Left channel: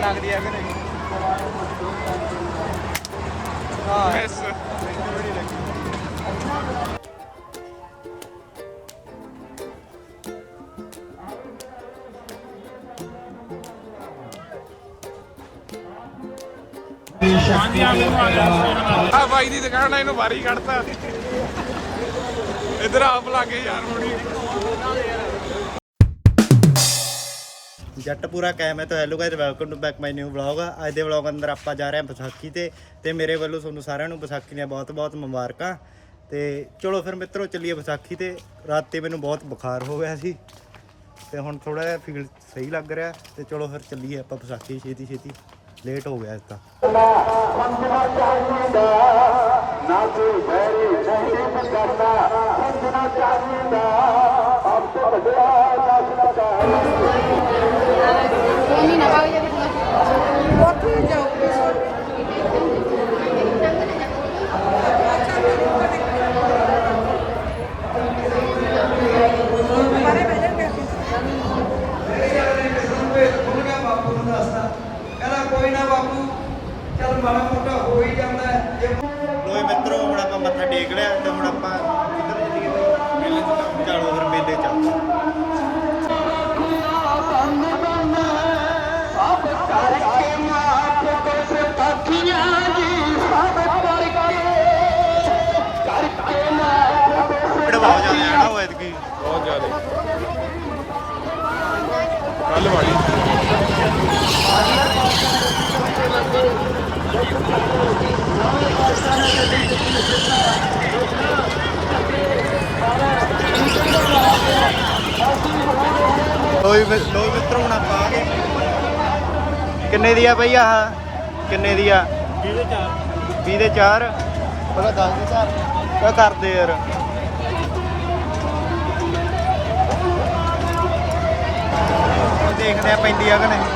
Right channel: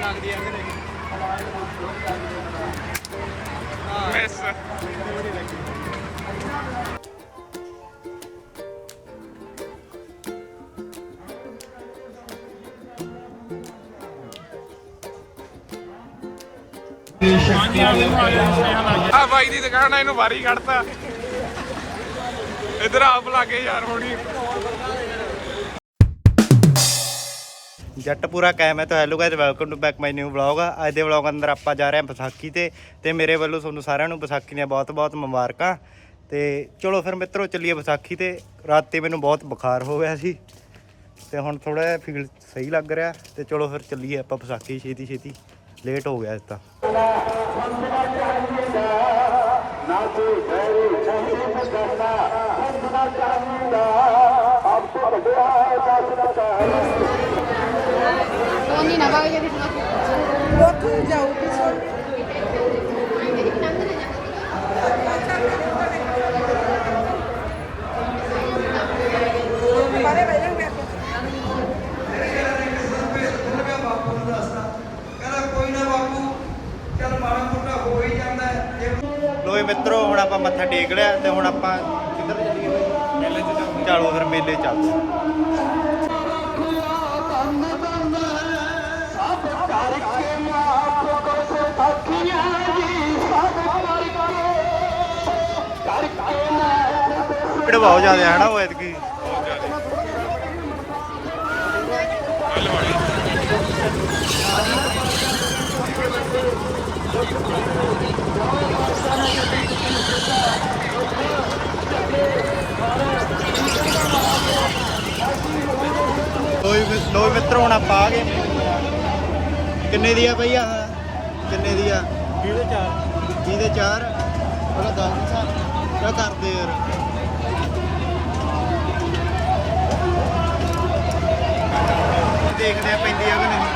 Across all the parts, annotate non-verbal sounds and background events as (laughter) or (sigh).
ਲੱਗਦੀ ਆ ਮਿਸ ਬੜੀ ਲੱਗੀ। ਬਾਈ ਦੀ ਦੁਕਾਨ ਆ ਇਹਨੂੰ ਵਾਰੀ ਕੱਢਤਾ। ਇਧਰ ਆਪ ਲਾਗੇ ਯਾਰ ਹੋਣੀ। ਜੱਟ ਪੂਰਾ ਕਾਇਮ ਹੈ। ਤਾਂ hello guys welcome to back my new vlog ਅੱਜ ਦੇ ਵਲੌਗ ਅੰਦਰ ਆਪਾਂ ਜਾ ਰਹੇ ਹਾਂ ਵਿਸਾਖੀ ਤੇ ਤੇ ਮੇਰੇ ਵੱਲੋਂ ਤੁਹਾਨੂੰ ਸਾਰਿਆਂ ਨੂੰ ਵਿਸਾਖੀ ਦੀਆਂ ਬਹੁਤ-ਬਹੁਤ ਮੁਬਾਰਕਾਂ। ਤੇ ਚਲੋ ਫਿਰ ਮਿੱਤਰੋ, ਚੱਲੀਏ ਵਿਸਾਖੀ ਤੇ। ਰਾਤੇ ਮੈਨੂੰ ਬਹੁਤ ਬੁਖਾਰ ਹੋ ਗਿਆ ਸੀ। ਤੇ ਹੁਣ ਥੋੜਾ ਜਿਹਾ ਫੀਲ ਸਹੀ ਲੱਗ ਰਿਹਾ। ਤੇ ਚਲੋ ਫਿਰ ਚੱਲੀਏ ਆਪਾਂ ਵਿਸਾਖੀ ਛੇਤੀ ਛੇਤੀ ਲੇਟ ਹੋ ਗਿਆ ਇਸ ਤਾਂ। ਨਹੀਂ ਨਾ ਬਾਗ ਜਾ ਕੇ ਉੱਥੇ ਜਾਓ ਲੋਏ ਮਿੱਤਰੋ ਹੁਣ ਆਪਾਂ ਮੱਥਾ ਟੇਕ ਲਿਆ ਤੇ ਹੁਣ ਆਪਾਂ ਕਿੱਧਰ ਚੱਲੀਏ ਬਈ? ਮੇਲੇ ਤੇ ਚਲੋ ਫਿਰ ਮੇਲੇ ਚੱਲਦੇ ਹਾਂ। ਭੀੜ ਬਹੁਤ ਜ਼ਿਆਦਾ ਹੈ ਨਾ ਉਹ ਐਤਕੀ ਬਹੁਤ ਜ਼ਿਆਦਾ ਕੱਲ ਵਾਲੀ ਲੋਈ ਲੋਈ ਮਿੱਤਰੋ ਹੁਣ ਆਪਾਂ ਆ ਗਏ। ਕਿੰਨੇ ਦੀ ਆ ਬਈ ਆਹ? ਕਿੰਨੇ ਦੀ ਆ? 20 ਦੇ 4 20 ਦੇ 4 ਪਹਿਲਾਂ 10 ਦੇ 4 ਕਿਆ ਕਰਦੇ ਯਾਰ? ਦੇਖਦੇ ਆ ਪੈਂਦੀ ਆ ਕਿ ਨਹੀਂ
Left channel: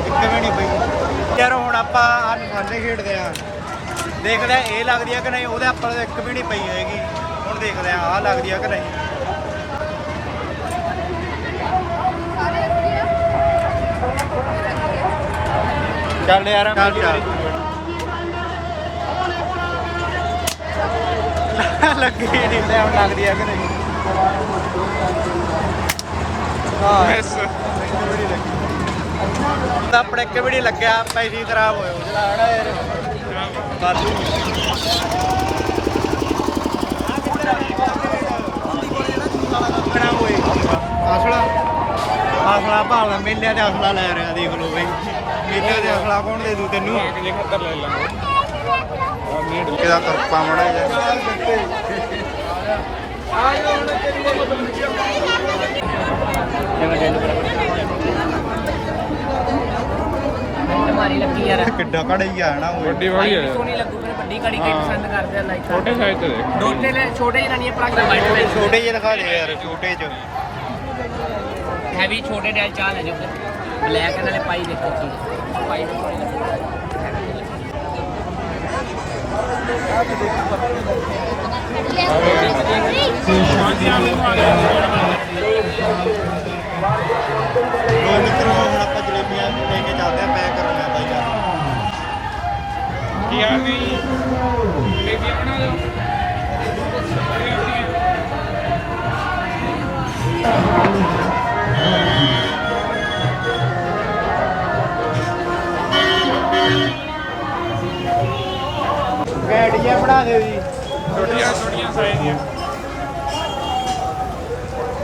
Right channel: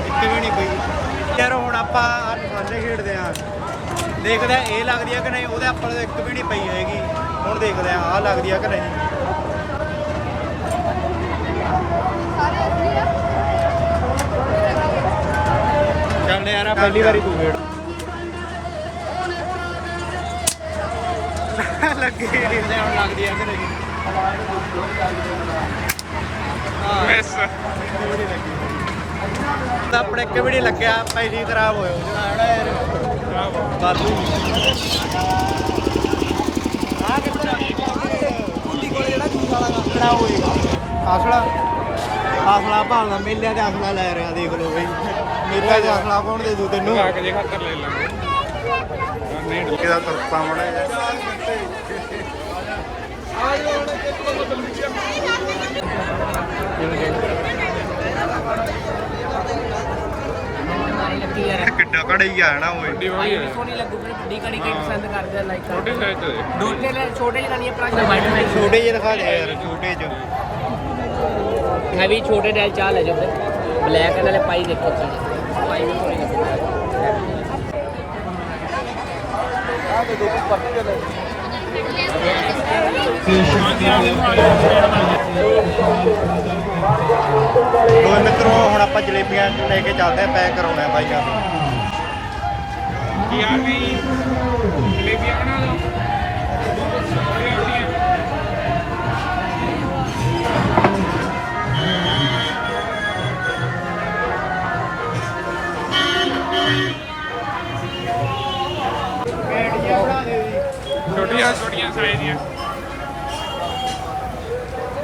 ਇੱਕ ਵੀ ਨਹੀਂ ਪਈ ਯਾਰ ਹੁਣ ਆਪਾਂ ਨਿਸ਼ਾਨੇ ਖੇਡਦੇ ਆ। ਦੇਖਦੇ ਆ ਇਹ ਲੱਗਦੀ ਆ ਕਿ ਨਹੀਂ? ਉਹਦੇ ਆਪਾਂ ਨੂੰ ਇੱਕ ਵੀ ਨਹੀਂ ਪਈ ਹੈਗੀ। ਹੁਣ ਦੇਖਦੇ ਆ ਆਹ ਲੱਗਦੀ ਆ ਕਿ ਨਹੀਂ? ਚੱਲ ਯਾਰ ਆ ਪਹਿਲੀ ਵਾਰੀ (laughs) ਲੱਗੀ ਨਹੀਂ ਹੁਣ ਲੱਗਦੀ ਆ ਕਿ ਨਹੀਂ? ਹਾਂ। ਮਿਸ। ਇੱਕ ਵੀ ਨਹੀਂ ਲੱਗੀ। ਆਪਣੇ ਇੱਕ ਵੀ ਨਹੀਂ ਲੱਗਿਆ ਪੈਸੇ ਖਰਾਬ ਉਹ ਜਿਹੜਾ ਹਨਾ ਯਾਰ ਬਾਦੂ। ਕਿਹੜਾ ਹੋਏ ਆਸਲਾ। ਆਸਲਾ ਭਾਲਦਾ ਮੇਲਿਆਂ ਤੇ ਆਸਲਾ ਲੈ ਰਿਹਾ ਦੇਖ ਲਓ ਬਈ। ਮੇਲਿਆਂ ਤੇ ਆਸਲਾ ਕੌਣ ਦੇ ਦੂ ਤੈਨੂੰ? ਅਗਲੇ ਖਾਤਰ ਲੈ ਲਾਂਗੇ ਆ ਨਹੀਂ ਕਿਹਦਾ ਤਰਪਾ ਮੜਾ ਜਾ। ਮਾਰੀ ਲੱਗੀ ਯਾਰ। ਕਿੱਡਾ ਕੜਾਈ ਆ ਨਾ ਓਏ ਵੱਡੀ ਭਾਈ ਸੋਹਣੀ ਲੱਗੂ ਮੈਨੂੰ ਵੱਡੀ ਕੜੀ ਕਈ ਪਸੰਦ ਕਰਦੇ ਆ ਲਾਈਕ ਛੋਟੇ ਸਾਈਜ਼ ਤੇ ਦੋਨੇ ਲੈ ਛੋਟੇ ਜਿਹੇ ਨਹੀਂ ਪਲਾਸ ਵਾਈਟ ਦੇ ਛੋਟੇ ਜਿਹੇ ਦਿਖਾ ਦੇ ਯਾਰ ਛੋਟੇ ਚ। ਹੈਵੀ ਛੋਟੇ ਡੈਲ ਚਾਹ ਲੈ ਜਾਓ ਬਲੈਕ ਇਹਨਾਂ ਨੇ ਪਾਈ ਦੇਖੋ ਚੀਜ਼ ਪਾਈ ਵੀ ਸੋਹਣੀ ਦੋਏ ਮਿੱਤਰੋ ਹੁਣ ਆਪਾਂ ਜਲੇਬੀਆਂ ਲੈ ਕੇ ਚੱਲਦੇ ਆ ਪੈਕ ਕਰਾਉਣੇ ਬਾਈਆਂ ਕੀ ਆ ਗਈ ਜਲੇਬੀਆਂ ਬਣਾ ਲਓ ਕੈਡੀਆਂ ਬਣਾ ਦੇ ਵੀ ਛੋਟੀਆਂ ਛੋਟੀਆਂ ਸਾਈਜ਼ ਦੀਆਂ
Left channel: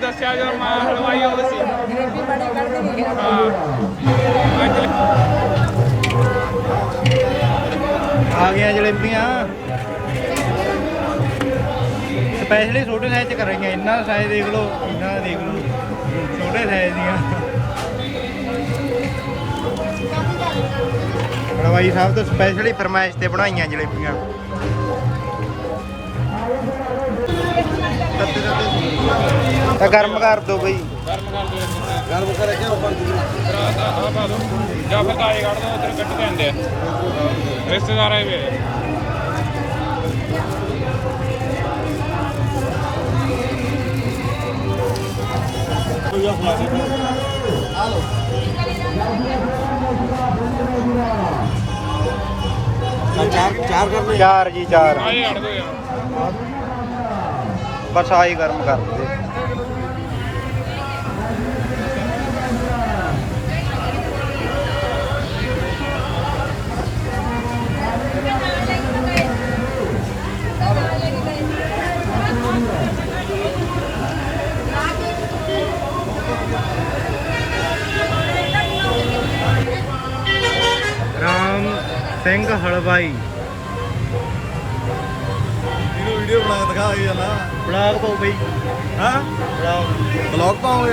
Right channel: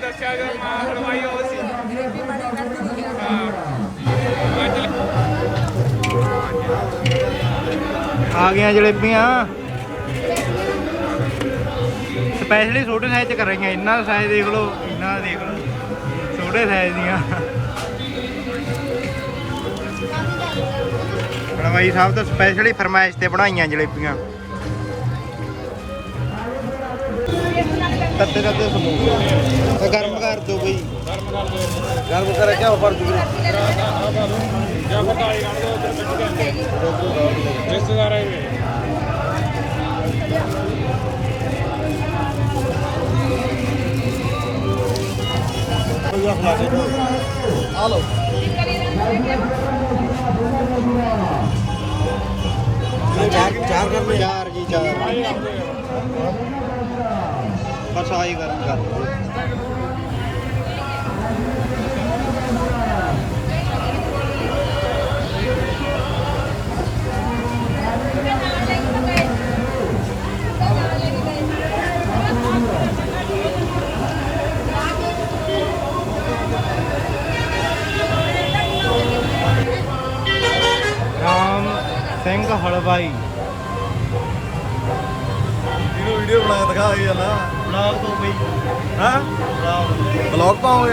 ਦੱਸਿਆ ਜਾਂ ਮੈਂ ਹਲਵਾਈ ਆਉਂਦਾ ਸੀ। ਆ ਗਈਆਂ ਜਲੇਬੀਆਂ। ਸਪੈਸ਼ਲੀ ਛੋਟੇ ਸਾਈਜ਼ ਚ ਕਰ ਇੰਨਾ ਸਾਈਜ਼ ਦੇਖ ਲਓ, ਇੰਨਾ ਦੇਖ ਲਓ, ਛੋਟੇ ਸਾਈਜ਼ ਦੀਆਂ। ਹਲਵਾਈ ਸਾਹਿਬ ਤੋਂ ਸਪੈਸ਼ਲੀ ਫਰਮਾਇਸ਼ ਤੇ ਬਣਾਈਆਂ ਜਲੇਬੀਆਂ। ਤੱਤੇ ਤੱਤੇ ਤਾਂ ਗਰਮ ਕਰ ਦੋ ਬਈ। ਗਰਮ ਕਰ ਕੇ ਉੱਪਰ ਦੂਰੇ ਰਾਤ ਆ ਆ ਬਾਲੂ ਜਾਂ ਫਿਰ ਗਾੜੀ ਕੱਢ ਬਸ ਆਹੀ ਗਰਮ ਕਰ ਦੋ ਰਾਮ ਸਿੰਘ ਹਲਵਾਈ। ਇਹਨੂੰ ਵੀਡੀਓ ਬਣਾ ਕੇ ਦਿਖਾ ਹੀ ਜਾਣਾ। ਬਲਾਗ ਤੋਂ ਬਈ ਹਾਂ? ਬਲਾਗ ਬਲੌਗ ਪਾਉਂਗੇ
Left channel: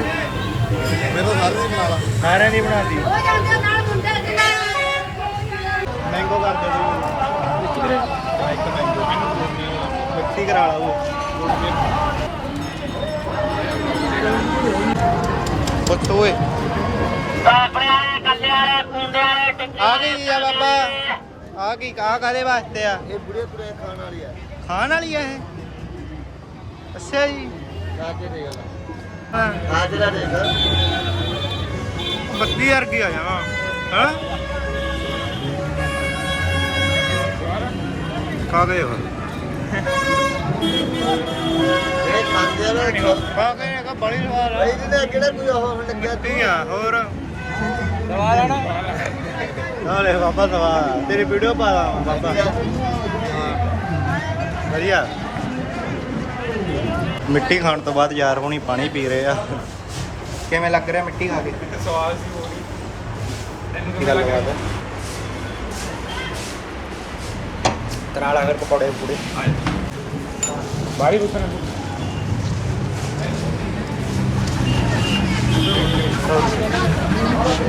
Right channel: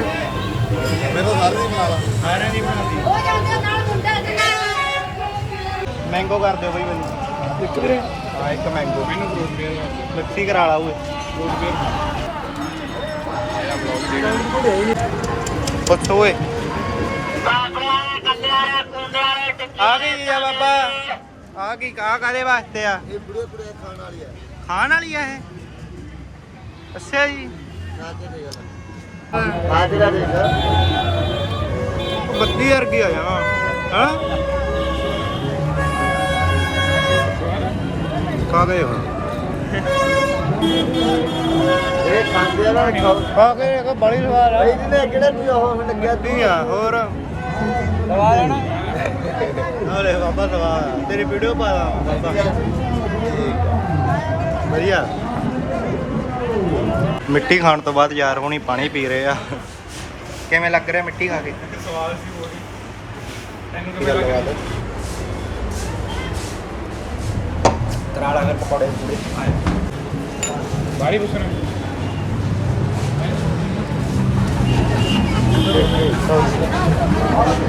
ਮੈਨੂੰ ਸਾਰੇ ਦੀ ਬਣਾ ਲਾ। ਸਾਰਿਆਂ ਦੀ ਬਣਾਤੀ। ਹੋ ਜਾਂਦੇ ਨਾਲ ਮੁੰਡੇ ਦੇ ਨਾਲ। ਮੈਂਗੋ ਕਰ ਦੇ ਬਈ। ਇੱਕ ਵੀਰੇ। ਹਾਂ ਇੱਕ ਮੈਂਗੋ ਮੈਨੂੰ ਫਰੂਟ ਦੇ ਮਿਕਸੀ ਕਰਾ ਲਾ ਓਏ। ਫਰੂਟ ਦੇ ਪੁੱਛ ਓਏ। ਆ ਗਈ ਆ ਬਾਬਾ। ਆ ਕੀ ਕਾ ਕਾਦੇ ਵਾਸਤੇ ਆ? ਇਹ ਬੁੜੇ ਬੁੜੇ ਖਾਣ ਵਾਲੀ ਆ। ਖਾਣ ਵਾਲੀ ਆ ਇਹ? ਅੱਛਾ ਜੀ? ਗਾਜਰ ਦੇ ਗੱਲ ਹਾਂ। ਗਾਜਰ ਦੇ ਦੇਖ ਉਹ ਬੱਤੀ ਵਰਗੀ ਆ ਜਾਵਾ। ਹਾਂ? ਕਾਦੇ ਹੋ ਇਹ ਖਾਂਦੇ ਆ ਨਾ ਖਾਓ ਆ ਕੇ ਇਹ ਬੜੀ ਸਵਾਦ ਆ ਇਹਨੇ ਕਿਹੜੇ ਵੀ ਉਹ? ਲੱਗਿਆ ਕੀ ਆ ਹੋਰ? ਦਵਾ ਲੈਣਾ ਹਾਂ ਲੈ ਬਾਬਾ ਦਵਾ ਤੇਰੀ ਵੀਡੀਓ ਪਾ ਲਾ ਵਧੀਆ। ਮਿੱਟੀ ਖਾਣ ਤੋਂ ਬਾਅਦ ਯਾਰ ਹੁਣੀ ਪਾਣੀ ਪੀ ਰਹੇ ਆ। ਕਿਵੇਂ ਲੱਗ ਰਿਹਾ ਮਿੱਟੀ ਖਾ ਕੇ? ਇੱਕ ਸਵਾਲ ਸੀ ਕੀ ਕਿਵੇਂ ਗੱਲ ਬਾਤ ਤਰਾ ਲਾ ਕਰ ਪਕੌੜੇ ਪੂੜੇ।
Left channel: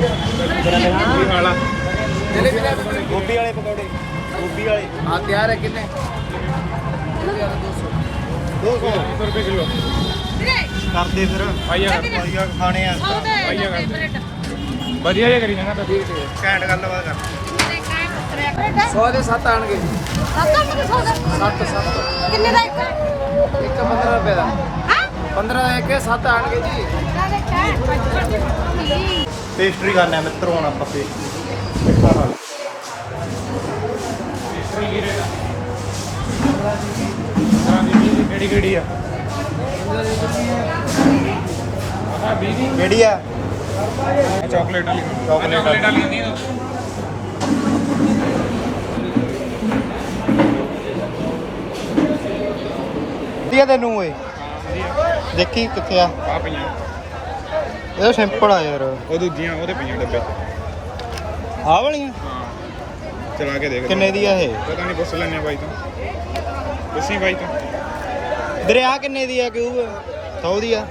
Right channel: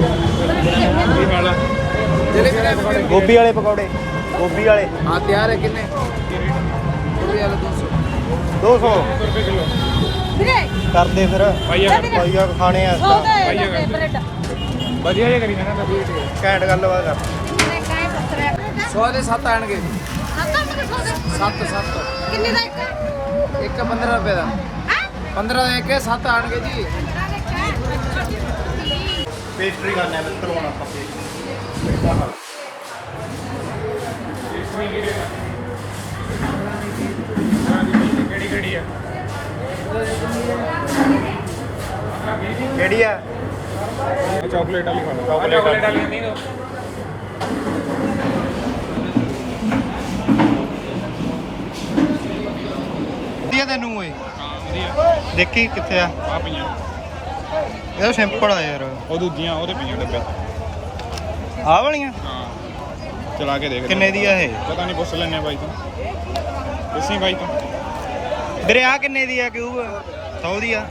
ਕੀ ਹਾਲਾ ਗੋਭੀ ਵਾਲੇ ਪਕੌੜੇ। ਗੋਭੀ ਵਾਲੇ। ਹਾਂ ਤਿਆਰ ਹੈ ਕਿੰਨੇ? 200 ਰੁਪਏ ਕਿਲੋ ਵੀਰੇ ਕਰਦੇ ਫਿਰ। ਪਾਈਆ ਕਰ। ਪਾਈਆ ਖਾਣੇ ਆ। ਪਾਈਆ ਕਰ। ਵਧੀਆ ਜਿਹਾ ਕਰੀ ਜਾਣਾ। ਤਾਂ ਵੀਰ ਤੇ ਘੈਂਟ ਗੱਲਬਾਤ ਕਰ। ਮੇਰੇ ਕਾਇ ਬ੍ਰੈਡ 100 ਦੇ 7 ਆਣਗੇ ਸੱਤ ਸੌ ਦੇ? ਕਿੰਨੇ ਦਾ ਇੱਕ? ਇੱਕ 15 ਰੁਪਏ ਦਾ। ਹੈ? 15 ਦਾ ਇੱਕ 7 ਆਣਗੇ ਜੀ। ਨਾਲੇ ਕਾਇ ਪੇਸਟਰੀ ਖਾਣੇ ਆ ਮਿੱਤਰ ਹੁਣ ਆਪਾਂ ਪੇਸਟਰੀ ਕਿਹੜੀ ਕਿਹੜੀ ਆ। ਕਿਹੜੀ ਆ? ਚਾਕਲੇਟ ਵਾਲੀ Chocolate ਵਾਲੀ। ਨਹੀਂ ਵਧੀਆ ਤੈਨੂੰ ਓਏ। ਹਾਂ ਵਧੀਆ। ਦੇਖੀ ਕਿੱਥੇ ਆ? ਆ ਪਈਆਂ। ਇਹ ਸਿੰਪਲ ਆ ਯਾਰ। ਉਹ ਦੂਜੀਆਂ ਉਹਦੇ ਪਈਆਂ ਡੱਬੇ ਆਹ ਵਾਲੀਆਂ? ਹਾਂ। ਚਲਾ ਕੇ ਦੇਖ ਕਿੰਨੇ ਦੀ ਆ ਇਹ? ਪਤਾ ਨਹੀਂ ਪੁੱਛ ਲੈਣੇ ਬਾਈ ਤੋਂ। ਦੱਸੀ ਬਾਈ ਤੋਂ। ਵੀਰੇ ਆ ਕਿੰਨੇ ਦੀ ਆ ਕਿਊਬ? 100 ਦੀ ਆ।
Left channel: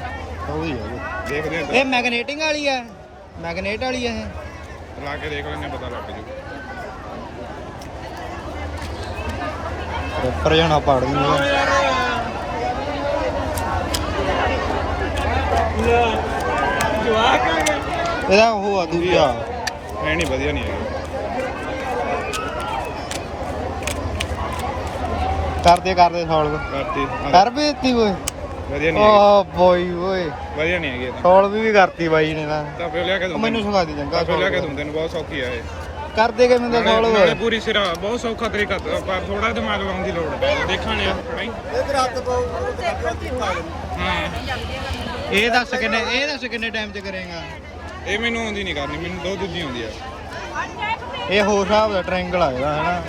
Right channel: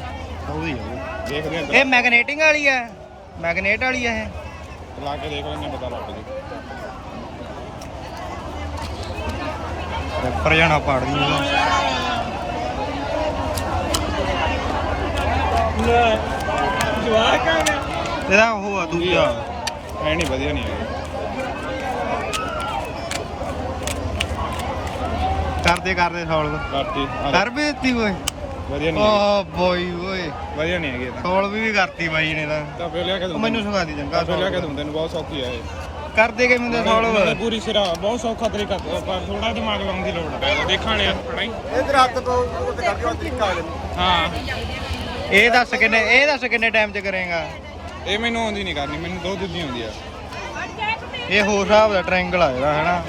100 ਦੀ ਆ ਇਹ। ਦੇਖਦੇ ਇਹ ਹਾਂ ਮੈਗਨੇਟਿੰਗ ਵਾਲੀ ਆ। ਮੈਗਨੇਟ ਵਾਲੀ ਆ ਇਹ। ਚਲਾ ਕੇ ਦੇਖ ਲੈਣੇ ਪਤਾ ਲੱਗ ਜੂ। ਰੈਪਰ ਜਾਣਾ ਪਾੜਦੀ ਇਹਦਾ ਜਵਾਕ ਆ ਗਿਆ ਇਹਦਾ ਉਹ ਆ ਦੂਜਾ। ਐ ਨਹੀਂ ਵਧੀਆ ਨਹੀਂ ਹੈ ਕਰਦੇ ਕਰਦੇ ਸੌਲਵ ਰਾਤੀ ਕਰ ਵੀ ਦਿੱਤੀ ਓਏ। ਵਧੀਆ ਨਹੀਂ। ਓ ਬੋਈ ਓਏ। ਵਧੀਆ ਨਹੀਂ ਹੈਗੀ ਇਹ ਤਾਂ। ਸੌਲਵ ਵੀ ਕਰਤੀ ਬਾਈ ਨੇ ਤਾਂ। ਤਾਂ ਫਿਰ ਲਿਆ ਕੇ ਉਹ ਦੂੰ ਮੈਨੂੰ ਸਿਖਾ ਦੀ ਚੰਗਾ ਫਿਰ ਲਿਆ ਕੇ ਦੂੰ। ਤੈਨੂੰ ਬਹੁਤ ਸੌਖੀ ਹੈ ਇਹ। ਕਰਦੇ ਕਿਵੇਂ ਦਾ ਨਾਲੇ ਸੌਲਵ ਪੂਰੀ ਸਿਰਾ ਬਹੁਤ ਸੌਖਾ ਤਰੀਕਾ ਪਰ ਥੋੜਾ ਦਿਮਾਗ ਲਾਉਣ ਦੀ ਲੋੜ ਹੈ ਦੇਖਾਂ ਲਿਆ। ਕੜਾਈ ਇਧਰ ਹੱਥ ਤੋਂ ਤੇ ਕਰਕੇ ਤਰੀਕਾ ਆ ਜਾਂਦਾ। ਹਾਂ। ਇਹ ਦੱਸ ਕਿੰਨੇ ਇਹ ਦੱਸ ਕਿੰਨੇ ਟਾਈਮ ਚ ਕਰੇਗਾ? ਇਹ ਮੈਨੂੰ ਆਉਂਦੀ ਨਹੀਂ ਕਰਨੀ ਮੈਨੂੰ ਦੋ ਦੂਜੀ ਆਉਂਦੀ ਆ। ਇਹ ਹੋਰ ਹਿਸਾਬ ਦਾ ਟ੍ਰਾਇੰਗਲ ਆ ਇਹਦਾ ਹੈਨਾ?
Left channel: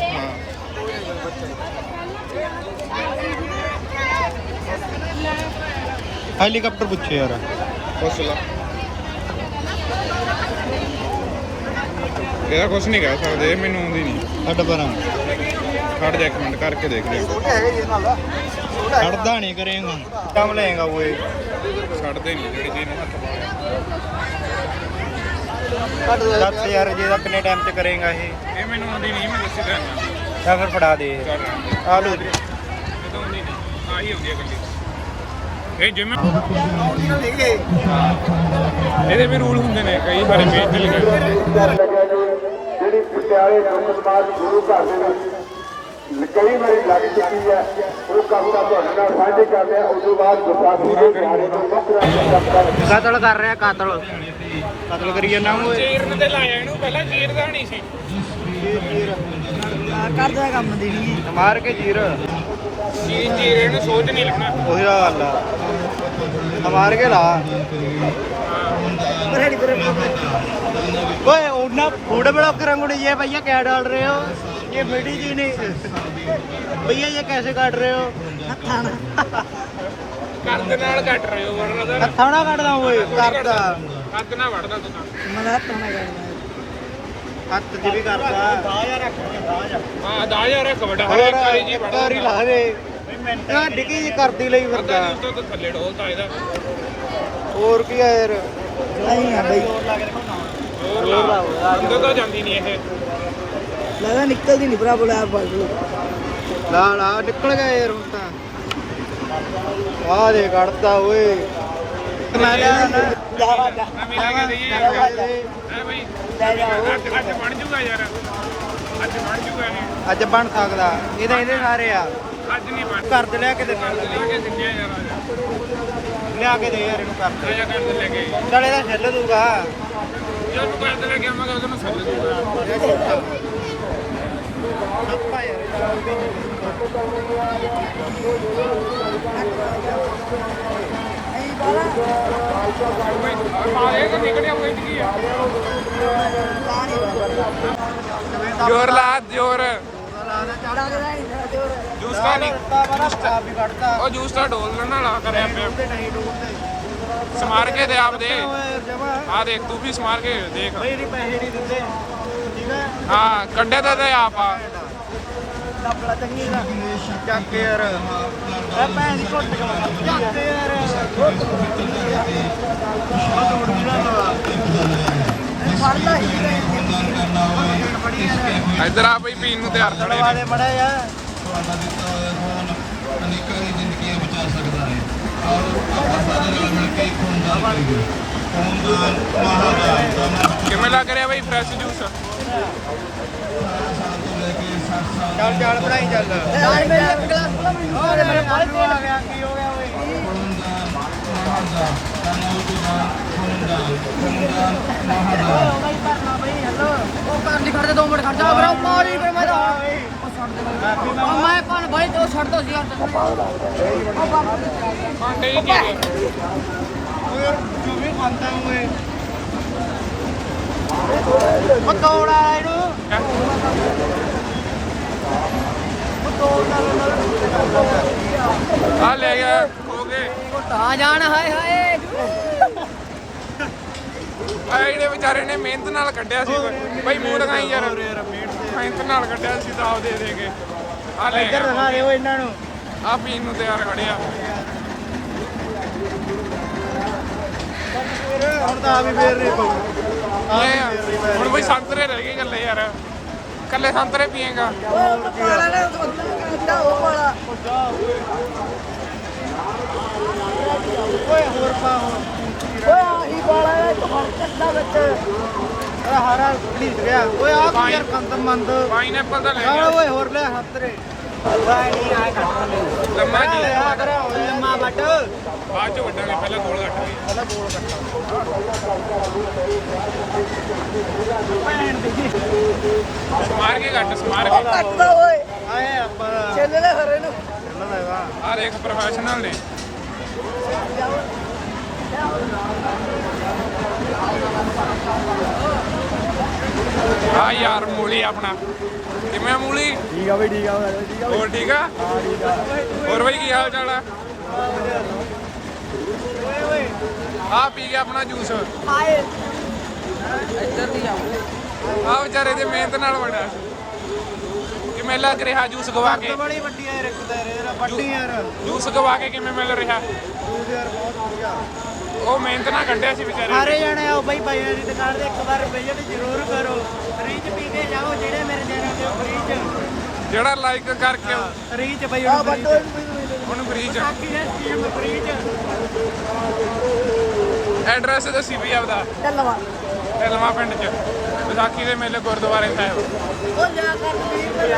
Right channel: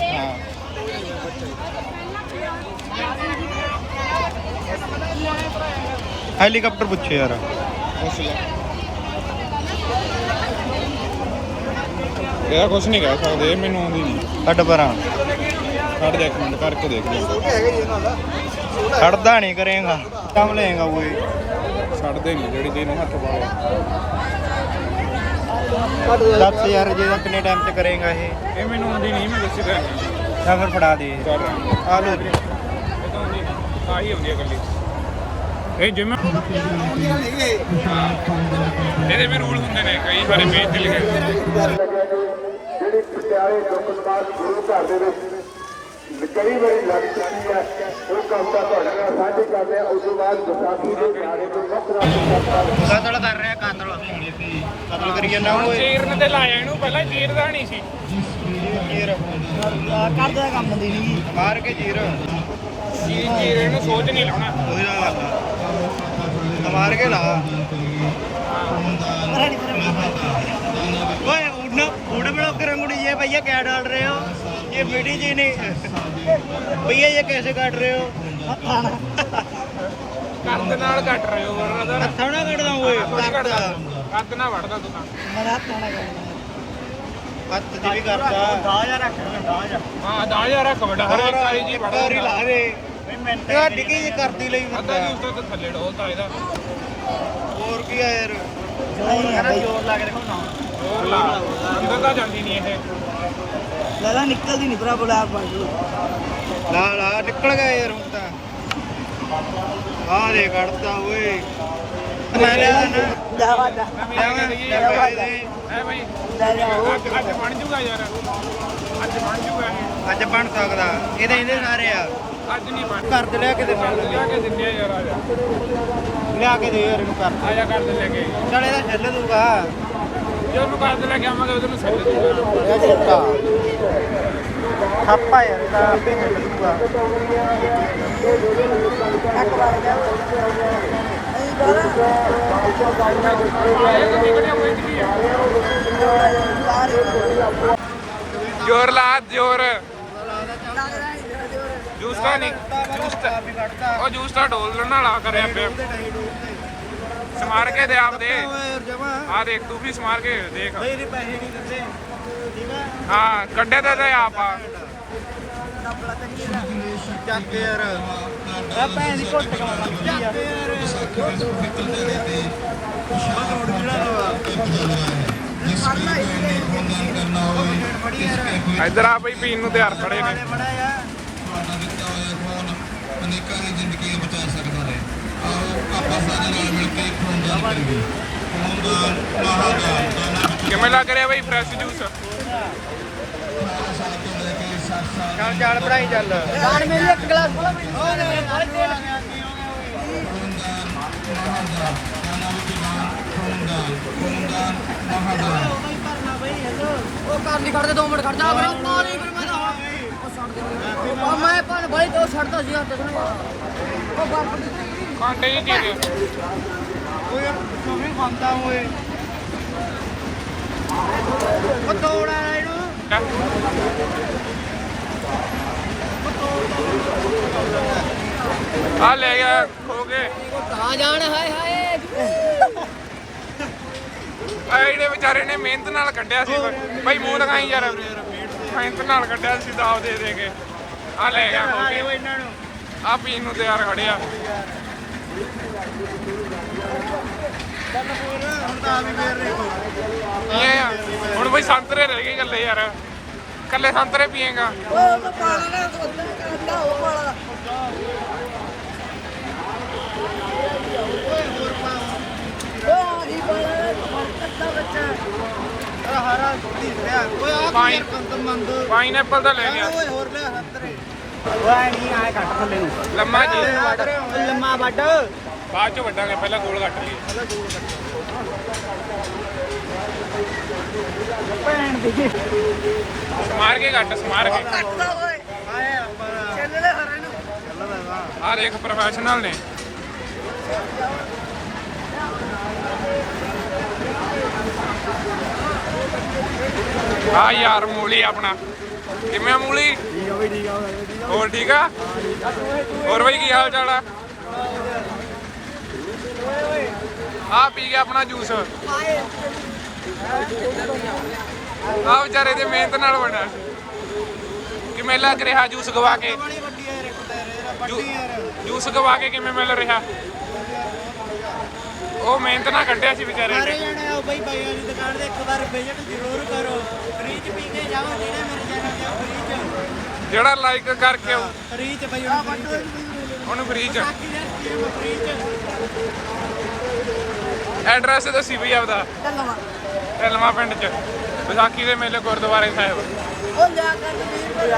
ਹੈਲੀਕਾਪਟਰ ਪੁੱਛੇ ਯਾਰ। ਪੁੱਛ ਲਾ। ਇਹਦਾ ਕੁਝ ਨਹੀਂ ਕਹਿ ਸਕਦੇ ਮੈਨੂੰ ਆਉਂਦੀ ਨਹੀਂ। ਛੱਡ ਪਰਾਂ। ਕੱਢ ਜਾ ਇੱਕ ਮਿੰਟ ਕਰਕੇ ਦੇਖ ਲੈ। ਛੱਡਦਾ ਨਹੀਂ ਕਰੇਗਾ। ਕੰਮ ਲਏਗਾ ਓਏ ਛੱਡਦੇ ਨਹੀਂ ਜਿਹੜੀ ਚੀਜ਼ ਨੂੰ ਹੱਥ ਪਾਇਆ ਦੱਸ ਯਾਰ ਜੇ ਤਾਂ ਕਿੰਨੇ ਟਾਈਮ ਚ ਕਰੇਗਾ ਇਹ? ਇਹ ਮੈਨੂੰ ਆਉਂਦੀ ਨਹੀਂ ਮੈਂ ਦੱਸੀ ਤਾਂ ਆਇਆ ਜਾਂ ਫਿਰ ਫੜਾ ਦੇ। ਆ ਲੋ ਇਹ ਤਾਂ ਆਉਂਦੀ ਨਹੀਂ। ਆਹੀ ਆਉਂਦੀ ਹੈ ਕੱਲੀ ਇਹ ਜਿਵੇਂ ਆਉਂਦੀ ਨਾਲ ਨਿਕਲੇ ਇਹਦੇ ਵੀ ਰੂਲ ਹੁੰਦੇ ਨੇ ਕਈ ਵਾਰੀ ਮੇਜ ਲਿਖੇ ਜਿਹੜੀ ਪਟਿਆਲੇ ਲੋਕ ਸਮਾਜ ਗੁਰੂ ਘਰ ਦੇ ਵਿੱਚ ਕਈ ਵਾਰੀ ਲੱਗ ਚੁੱਕੀ ਹੈ ਉਹ ਕਹੂਗਾ ਤੁਹਾਡੇ ਨਾਲ ਸਾਂਝੇ ਕਰਦੇ ਹਾਂ ਉਸ ਤੋਂ ਬਾਅਦ ਵਿਸਾਖੀ ਦੇ ਦਿਹਾੜੇ ਤੋਂ ਵੱਖਰਾ ਕਤਲ ਕਰ ਰਿਹਾ ਕਤਲ। ਕਤਲ ਕਰੀਏ ਨਾ ਓਏ ਚੀਰਨ ਤੇ ਲਾਇਆ ਇਹਨੂੰ ਪਹਿਲਾਂ ਚੀਰਦਾ ਨਹੀਂ ਸੀ। ਜੀਰ ਕਰਦਾ ਕੰਮ ਦੀ। ਨਹੀਂ ਮਾਰ ਕੇ ਜੀਰ ਚੀਰ ਚੀਰ ਇਹਨੂੰ ਸੋਚ ਨਹੀਂ ਲਾਉਣਾ। ਉਹੀ ਦਾ ਗੱਲ ਆ। ਮਾਰ ਕੇ ਲਾ ਰੈਡੀ ਪਰ ओए उड़ना फूड ब्लॉगर अंगुड़ी ये भैया क्या डाल रहे हो ये मीठी जी नहीं भैया ये कैसे काट रहे हो ਹੱਥਾਣਾ ਕੰਦ ਨਾਲ ਕੱਟ ਰਹੇ ਹੋ ਬੋਲ ਰਿਹਾ हथा ना काटदा ओए करदा ਅੱਗ ਨਾ ਵੜਦਾ ਤੂੰ ਤਾਂ ਮੈਂ ਹੱਥਾਣਾ ਕਰਦਾ ਹੱਥ 'ਚ ਵੀ ਕਰਦਾ ਹਾਂ ਦਾ ਯਾਰ ਰੱਖ ਬੜਾ ਹੋਰ ਇੱਕ ਵਾਰੀ ਲਾ ਦੇ ਇਹ ਡਿੱਗੀ ਜੀ ਕਰਦੀ ਲਈ ਫਿਰਦਾ। ਤਾਂ ਥੱਲੇ ਇਹਦਾ ਹੋਰ ਕੀ ਆ ਯਾਰ? ਨਹੀਂ ਆ ਬਈ। ਜ਼ੋਰ ਲਾਓ ਇਹਦਾ ਤਾਂ ਜਾਂਦੀ ਨਹੀਂ ਇਹ ਲਗਾ ਨਿਕਲਦੀ ਨਹੀਂ ਭਰਾ ਫੜ ਲਓ। ਲਾ ਲਾ ਨਿਕਲ ਗਿਆ ਯਾਰ ਹੁਣ ਤਾਂ। ਆ ਦੇ ਕੱਢਦਾ ਓਏ। ਮੈਂ ਨਾ ਲਿਆਵਾਂ ਲੈ ਪੈਸੇ ਦੇ ਐ ਬਈ ਅੱਜ ਬਣ ਜੂਗਾ ਯਾਰ ਅੱਜ ਬਣ ਜੂਗਾ ਇਹ ਅੱਜ ਬਣ ਸਕਦਾ। ਇਹ ਤਾਂ ਇਹਦੇ ਸਾਰੇ ਆ। ਕਰ ਦੇ ਲਿਆ ਕੇ ਦਿੰਦੇ ਲੱਗਾ ਕਿ। ਦਿੰਦੇ ਯਾਰ ਲਿਆ ਕੇ ਦੇ ਯਾਰ ਇਹਨੂੰ ਕਰ ਦੇ ਆਇਆ ਕਰ ਦੇ ਲੈ ਕੇ। ਚੱਲ ਇਹਦਾ ਛੱਲ ਦੂਗਾ ਜੇ ਉਹਨੂੰ ਕਰ ਦੇ ਲੈ ਕੇ ਆਵਾਂਗੇ ਉਹਦੇ ਨੂੰ ਸੱਦ ਦੂਗਾ ਇਹ ਛੋਟਾ। ਥਾਪਾ ਯਾਰ ਇਹਦਾ ਆਪੇ ਛੱਲ ਦੂਗਾ ਇੱਕ ਵਾਰ ਜਾ। ਨਹੀਂ ਬੋਲਾ ਆਏ ਕਿ ਨਿਕਲੇ ਹੋਏ ਜੀ ਬਾਹਰ ਹੀ ਕਰਦਾ ਜ਼ੋਰ ਲਾ ਜ਼ੋਰ। ਨਹੀਂ। ਆ ਵੀ ਕੱਢਦਾ ਉਹ ਜੂਸ ਤਾਂ ਡੋਲਣ ਵਾਲਾ ਕਰਿਆ ਪਿਆ। ਤੇ ਨਹੀਂ ਡੂਬਦੇ ਸਮਾਰ ਕੇ ਦੇ ਆਪ ਦੇ। ਓਏ ਜਮਾ ਆ ਦੇਖ ਤੂੰ ਵੀ ਸਮਾਰ ਕੇ ਦੇਖ। ਬਈ ਇਹਦੇ ਪੈਸੇ ਨਹੀਂ ਦਿੰਦੇ। ਠੀਕ ਹੈ? ਹਾਂ ਕੱਢੇ ਤੇ ਤੇ ਆਪ ਆ। ਚੱਕ ਯਾਰ। ਮੈਂ ਪੈਸੇ ਨਹੀਂ ਘੁੱਟ ਚੱਕ ਯਾਰ। ਬਸ ਉੜ ਜਿਹੜਾ ਲਵਾ ਫੜਦਾ ਹੀ। ਫੜੀ ਯਾਰ ਇੱਧਰ ਆ ਬਈ ਪੀਣ ਨੂੰ ਤਿਆਰ ਖੜੇ ਨੇ। ਬੜਾ ਯਾਰ ਕਿਵੇਂ ਲੱਗ ਰਿਹਾ ਬਈ ਫਰੈਸ਼ ਜੂਸ ਚੱਲ ਚੱਲ ਪੜਾਈ ਚੱਲ ਆ ਮੇਰੀ ਇੱਕ ਗਲਾਸ ਬੋਲਾ ਮੈਨੂੰ ਹੋਰ ਆਲੂ ਆ ਗਿਆ ਕੀ ਹੋ ਗਿਆ ਓਏ ਉਹਦਾ ਹੀ ਕਰਨਾ ਬਈ ਹੈਲੋ ਉਹ ਕਰ ਨਹੀਂ ਖੜਦੇ 2 ਮਿੰਟ ਖੜ ਜਾ ਬਰਾ ਮਾਰੀ ਫਿਰ ਮੈਂ ਤਾਂ ਦੇ ਮੈਂ ਪਨ ਬੜੀ ਤੇ ਉਹ ਛੱਡ ਦੋ ਸੀ ਹੱਥ ਉਹ ਬੰਬ ਕਾਂਡੇ ਹੀ ਚੀਰੇ ਓਏ ਯਾਰ ਕਿਵੇਂ ਖਾਂਦਾ ਓਏ ਉਹ ਤੋੜਾ ਇਹਨੂੰ ਉਹ ਤੋੜਦਾ ਆ ਲੈ ਗਿਆ ਖੋ ਕੇ ਤਾਂ ਜਾਣ ਹਾਏ ਹਾਏ ਆ ਜਿਹੜੇ ਵਿਚਾਰੇ ਨੇ ਮਿਹਨਤ ਨਾਲ ਕੱਢਿਆ ਸੀ ਬਈ ਮੂੰਹ ਲਗਾਈ ਯਾਰ ਮਿਹਨਤ ਨਾਲ ਕੱਢਿਆ ਸੀ ਤਾਂ ਦੇ ਦੇ ਕੇ ਆ ਲੈ ਗਿਆ। ਖੋ ਕੇ ਇਹਨਾਂ ਨੂੰ। ਆ ਪੀਣ ਨੂੰ ਤਿਆਰ ਖੜਿਆ। ਹੁਣ ਆ। ਬਈ ਸੰਤਰੇ ਰਹਿ ਗਏ ਗੱਲੇ ਯਾਰ। ਕੱਲੇ ਸੰਤਰੇ ਪੀਏਗਾ। ਉਹ ਪਾਲਾ ਨੇ ਉਹ ਅੱਧਾ ਉਹ ਪਾਲਾ। ਓਏ ਹੋਰ ਪਾ ਹੁਣ ਓਏ ਆਹੀ ਪਾਲਾ ਹੈ ਹੁਣ ਕੱਦਾ ਬੱਚੇ ਅਰੇ ਹਾਰਾ ਦੁੱਲੀ ਗਿਆ। ਓਏ ਆ ਪਾਈ- ਯਾਰ ਕੰਦ ਮੰਦ। ਪਾਈਨਐਪਲ ਤਾਂ ਲੈ ਆ ਗਿਆ ਓਏ ਹੋਰ ਲੈ ਹੱਥ ਰੇ। ਓਏ ਨਹੀਂ ਆਏ ਕੱਟ ਲੈ। ਲੰਮਾ ਜੀ। ਹੋਇਆ ਕਰਿਆ ਹੋਇਆ। ਲੰਮਾ ਵੱਡ ਬਾਅਦ ਚ ਵੱਡਾਂਗੇ ਪਹਿਲਾਂ ਗੋਲ ਕੱਟ ਲਈਏ। ਪਹਿਲਾਂ ਗੋਲ ਸਮਾਰ ਕੇ ਕੱਟ ਸਮਾਰ ਕੇ। ਕੱਟਦਾ ਓਏ। ਆਏ ਆਪਾਂ। ਛੇਲੇ ਦੇ ਘਰੇ ਨੂੰ ਚੱਲਦਾ ਹੈਗਾ ਆ ਦੇਖ ਪ੍ਰੋਫੈਸ਼ਨਲ ਨੇ। ਆ ਯਾਰ ਮੂਲੀ ਆਪਣਾ। ਕਿਵੇਂ ਆ ਮੂਲੀ? ਠੀਕ ਆ ਬਈ ਠੀਕ ਆ ਠੀਕ ਹੋਰ ਠੀਕ ਆ? ਹੋਰ ਬਈ ਕੀ ਹਾਲ ਚਾਲ ਆ? ਆ ਪੀ ਗਿਆ ਆਪਣਾ ਜੂਸ। ਆ ਵਿਚਾਰੇ ਦੇ ਮਿਹਨਤ ਨਾਲ ਬਣਿਆ ਸੀ। ਕਿਵੇਂ ਲੱਗ ਰਿਹਾ ਜੂਸ ਗਵਾ ਕੇ। ਬੜੀ ਵੱਡੀ ਹੈ ਰੱਖਦਾ ਰੇ ਵੱਡੀ ਯਾਰ। ਜੂਸ ਗਵਾ ਕੇ ਕਿਵੇਂ ਮਿਲ ਰਿਹਾ? ਉਹ ਮਿਹਨਤ ਨਾਲ ਕੱਢਿਆ ਸੀ ਵਿਚਾਰੇ ਸਾਰੇ ਜਣੇ ਆਓ ਬਈ ਬਾਈਆਂ ਦੀ ਦੁਕਾਨ ਤੇ ਇੱਕ ਵਾਰ ਵਿਜ਼ਿਟ ਜ਼ਰੂਰ ਕਰੋ। ਫ੍ਰੀ ਚ ਪੀਂਦੇ ਜਾਓ ਜਿਹੜੇ ਮੇਰੇ ਚੈਨਲ ਤੇ ਫ੍ਰੀ ਜਿਹੜਾ ਲਾਈਕ ਕਰਕੇ ਚ ਬਈ ਹੁਣ ਫ੍ਰੀ ਚ ਉਹਨੂੰ ਫ੍ਰੀ ਚ ਬਾਕੀ ਦੇ ਸਕੀਮ ਫ੍ਰੀ ਚ ਐਡਰੈਸ ਦੱਸੀ ਵੀ ਆਪਦਾ। ਚੱਲਵਾ ਢਲਵਾ ਪਿੰਡ ਚ। ਵਿਸਾਖੀ ਦੇ ਮੇਲੇ ਗੁਰਦੁਆਰੇ ਸਾਹਿਬ। ਉਹ ਜਾ ਕੇ ਵੀਰ ਮਰਾ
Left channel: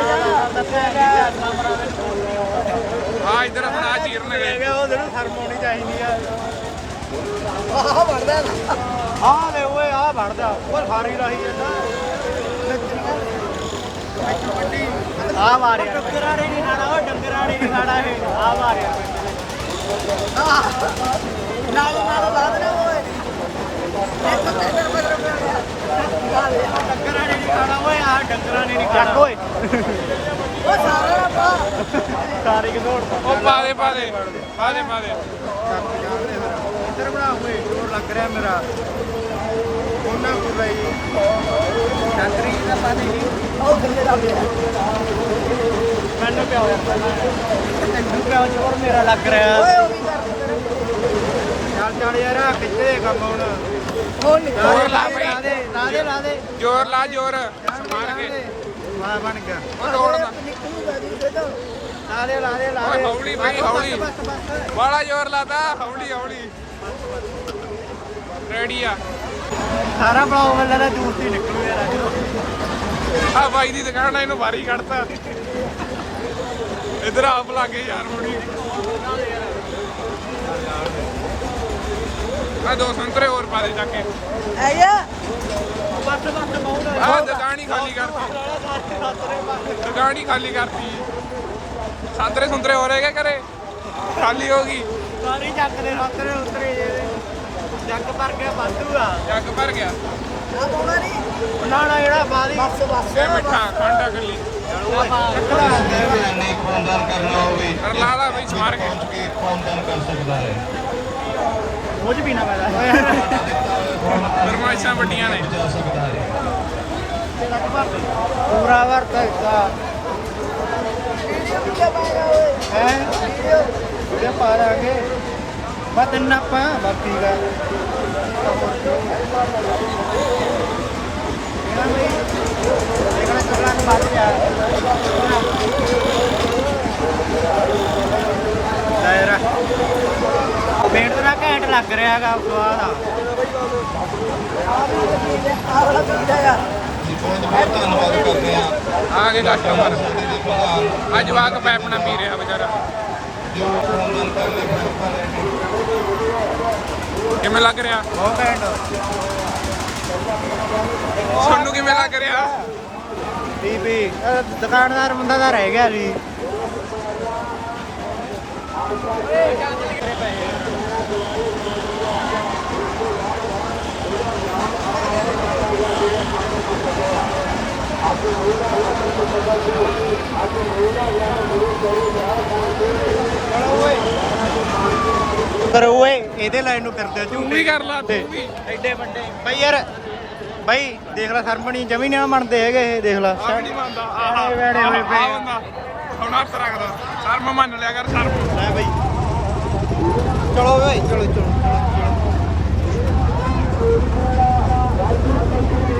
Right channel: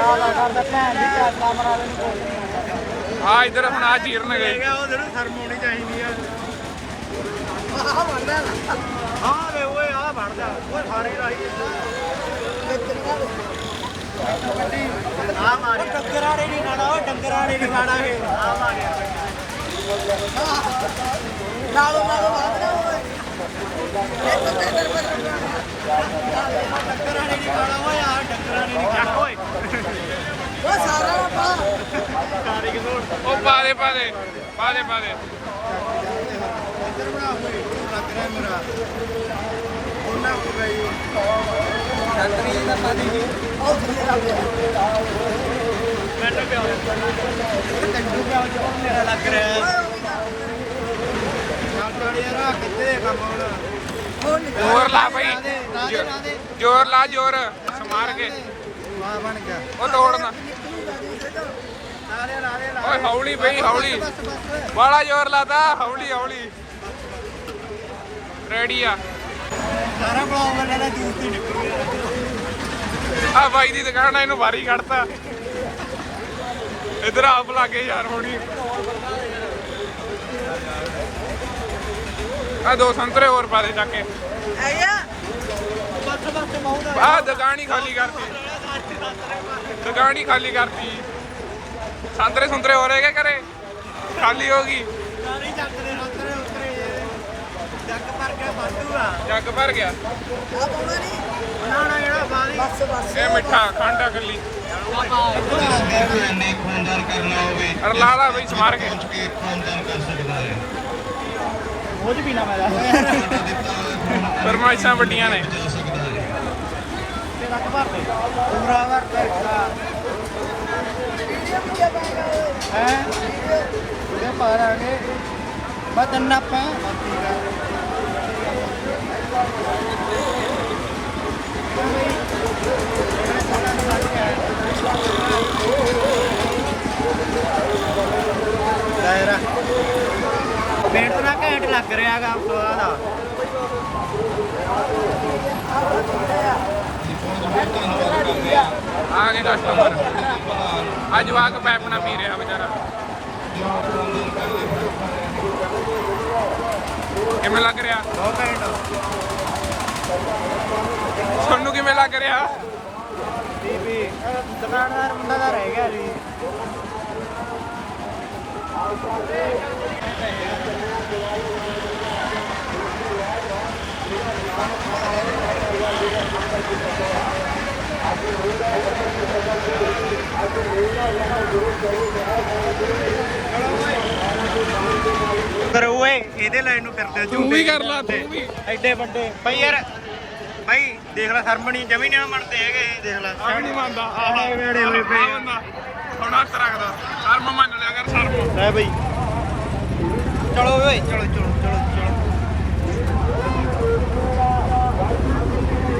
ਆ ਇਧਰ ਹੁਣ ਆ ਚੀਰਨਗੇ। ਉਹ ਸ਼ਰਮ ਆਉਣੀ ਚਾਹੀਦੀ ਹੈ ਆਹ ਵੇ ਓਏ ਆ ਵੜ ਜਾ ਉਹ ਰਹੀ ਆ ਮਾਰਿਆ ਡੰਗਰਾਂ ਨੇ ਨਹੀਂ ਖਾਣਾ ਉਹ ਡੰਗਰਾਂ ਨਹੀਂ ਖਾਣਾ ਇਹ ਆ ਮਾਰਿਆ ਨਾਲੋਂ ਨਾਲੋਂ ਲਾ ਦੇਣਾ ਓਏ ਇੱਕ ਤੇਰੇ ਬਦਰ ਡੰਗਰਾਂ ਨਹੀਂ ਖਾਣਾ ਓਏ ਆ ਡੰਗਰਾਂ ਨਹੀਂ ਖਾਣਾ ਓਏ ਉਹ ਸਾਰਾ ਪਾ ਸਾਰੀ ਕਿਥੋਂ ਉਹ ਪਾ ਦੇ ਪਾ ਦੇ। ਓਏ ਉਹ ਲੱਗ ਰਿਹਾ ਮੇਰਾ। ਉਹਨਾਂ ਕੀ ਬਈ। ਛਾਤਰੀ ਦਾ ਪਾਣੀ ਉਹ ਥੱਲੇ ਲਾ ਦੇ। ਤੈਨੂੰ ਪਿਆ ਜੋਰ ਮੇਰਾ ਲੱਗ ਰਿਹਾ। ਓਏ ਉਹ ਵੀ ਕਰ ਚੱਲ ਚੱਲ ਯਾਰ ਆਹ ਕਿੱਥੇ ਦੇ ਕੰਮ ਹੁਣ? ਉਹ ਨਿਕਲ ਜ਼ੋਰ ਲਾ ਬਈ। ਲਾ ਦੇ ਲਾ ਦੇ ਲਾ ਦੇ। ਜ਼ੋਰ ਲਾ ਜ਼ੋਰ। ਸਮਾਰ ਕੇ। ਵਾਹ ਬਣ ਗਿਆ। ਉਹ ਤੋੜਨਾ। ਓਏ ਹੌਲੀ ਬਈ ਹੌਲੀ। ਬਾਲਾ ਜ਼ੋਰ ਲਾਤਾ ਹੌਲੀ ਹੌਲੀ। ਰੈਡੀ ਆ। ਸਾਰਾ ਬਲੌਗ ਵਾਲਾ ਦਾ ਜੂਸ ਹੀ ਨਿਕਲੂ ਯਾਰ। ਆ ਬਾਈ ਦੀ ਦੁਕਾਨ ਆ ਇਹਨੂੰ ਬਾਰੀ ਕੱਢਤਾ। ਇਧਰ ਆਪ ਲਾਗੇ ਯਾਰ ਹੋਣੀ। ਆ ਦੋ ਸੰਤਰੇ ਹੋਰ ਪਾ ਦੇ ਚੱਕ ਕੇ। ਬਸ ਬਸ ਆ ਦੁਕਾਨ ਹੀ ਖਾਲੀ ਕਰਤੀ। ਦੁਕਾਨ ਹੀ ਖਾਲੀ ਕਰਤੀ। ਸੰਤਰੇ ਸੰਤਰੇ ਹੋ ਰਹੇ ਕਿ ਘਰੇ? ਖਾਲੀ ਹੋ ਗਈ। ਸਾਰੀ ਦੇ ਉਤਰੇ ਉਤਰੇ ਜੱਗ ਭਰ ਕੇ ਵਾਧੂ ਆ। ਜੱਗ ਭਰ ਗਿਆ। ਆ ਪਾਉਣਾ ਨਹੀਂ ਨਾ ਨਾ ਜਿਹੜਾ ਬਾਰੀ ਬਸ ਬਸ। ਇਹ ਮਿੱਠਾ ਖੰਡ ਆ ਕੱਲੀ ਕੱਟੜਾ ਆ ਗਿਆ ਅਨੇਕ ਖੂਨਦਾਨ ਕਰਨਾ ਹੋਵੇ ਅਰ ਲਾ ਲਾ ਬਈ ਸਮਾਰ ਕੇ। ਕਿ ਖੂਨਦਾਨ ਕਰ ਸਕਦਾ ਹੈ ਉਹ ਚ ਪੀਣਾ ਮੈਂ ਯਾਰ ਫਰਮਾਇਸ਼ਾਂ ਵੱਡੀਆਂ ਨੇ ਹੈ ਪੂਰਾ ਵਰਤ ਹੈਗਾ ਹੈ? ਵੀਡੀਓ। ਪਾ ਬਦਨ ਆਪਾਂ ਬਾਕੀ ਦਾ ਦਾਇਰਾ। ਮਿਹਨਤ ਨਾਲ ਘੈਂਟ ਲੱਗ ਰਿਹਾਗਾ ਸਵਾਦ ਆ। ਆ ਗਏ ਕਸਟਮਰ ਅੱਜ ਜਵਾਕ ਪੈਪਣਾ ਪੀ ਰਿਹਾ ਵਿਚਾਰਾ। ਕਿਵੇਂ ਲੱਗ ਰਿਹਾ? ਬਹੁਤ ਘੈਂਟ। ਤੁਹਾਨੂੰ ਕਿਵੇਂ ਲੱਗ ਰਿਹਾ? ਬੀਬੀ ਦੁਕਾਨਦਾਰ ਮੁੰਡਾ ਦਾ ਰਹਿ ਗਿਆ ਜੀ। ਪਰ ਓਏ ਇਹਦੇ ਲਾਈਨ ਨੂੰ ਫਿਰਦੇ ਤੂੰ ਵੀ ਕਰ ਲਾ ਤੂੰ ਵੀ। ਐਡੇ ਵੱਡੇ। ਬਈ ਯਾਰ ਬਈ ਦੇਖ ਲੈ ਸਰਮਣੀ ਜਮੀ ਨਾ ਮੰਨਦੇ ਹੈਗੇ ਇਹ ਦੇਖ ਲੈ। ਆਣੇ ਵੇੜੇ ਹੋਏ ਪਏ ਆ। ਹੁਣ ਹੱਥ ਰੱਖਦਾ ਸ਼ਰਮ ਮੰਨ ਲਿਆ ਕਰ ਸ਼ਰਮ। ਲੈ ਬਈ। ਚਲੋ ਓਏ ਚਲੋ ਚਲੋ ਚਲੋ।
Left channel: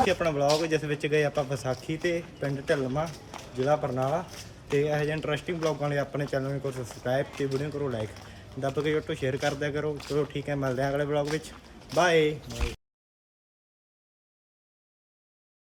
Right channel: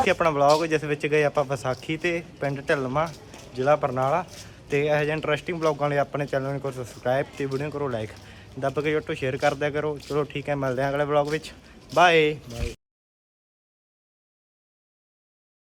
ਚਲੋ ਆਪਣਾ ਵਲੌਗ ਜਿਸ ਵਿੱਚ ਗਏ ਆਪਾਂ ਵਿਸਾਖੀ ਤੇ ਪਿੰਡ ਢਿਲਮਾ ਜ਼ਿਲ੍ਹਾ ਬਰਨਾਲਾ। ਤੇ ਇਹੋ ਜਿਹੇ ਇੰਟਰਸਟਿੰਗ ਵਲੌਗਾਂ ਲਈ ਆਪਣੇ ਚੈਨਲ ਨੂੰ ਕਰੋ ਸਬਸਕ੍ਰਾਈਬ ਤੇ ਵੀਡੀਓ ਕਰੋ ਲਾਈਕ ਦੱਬ ਕੇ ਜੱਟੋ ਸ਼ੇਅਰ ਕਰਦਿਆ ਕਰੋ ਚਲੋ ਠੀਕ ਹੈ, ਮਿਲਦੇ ਹਾਂ ਅਗਲੇ ਵਲੌਗ ਵਿੱਚ। ਬਾਏ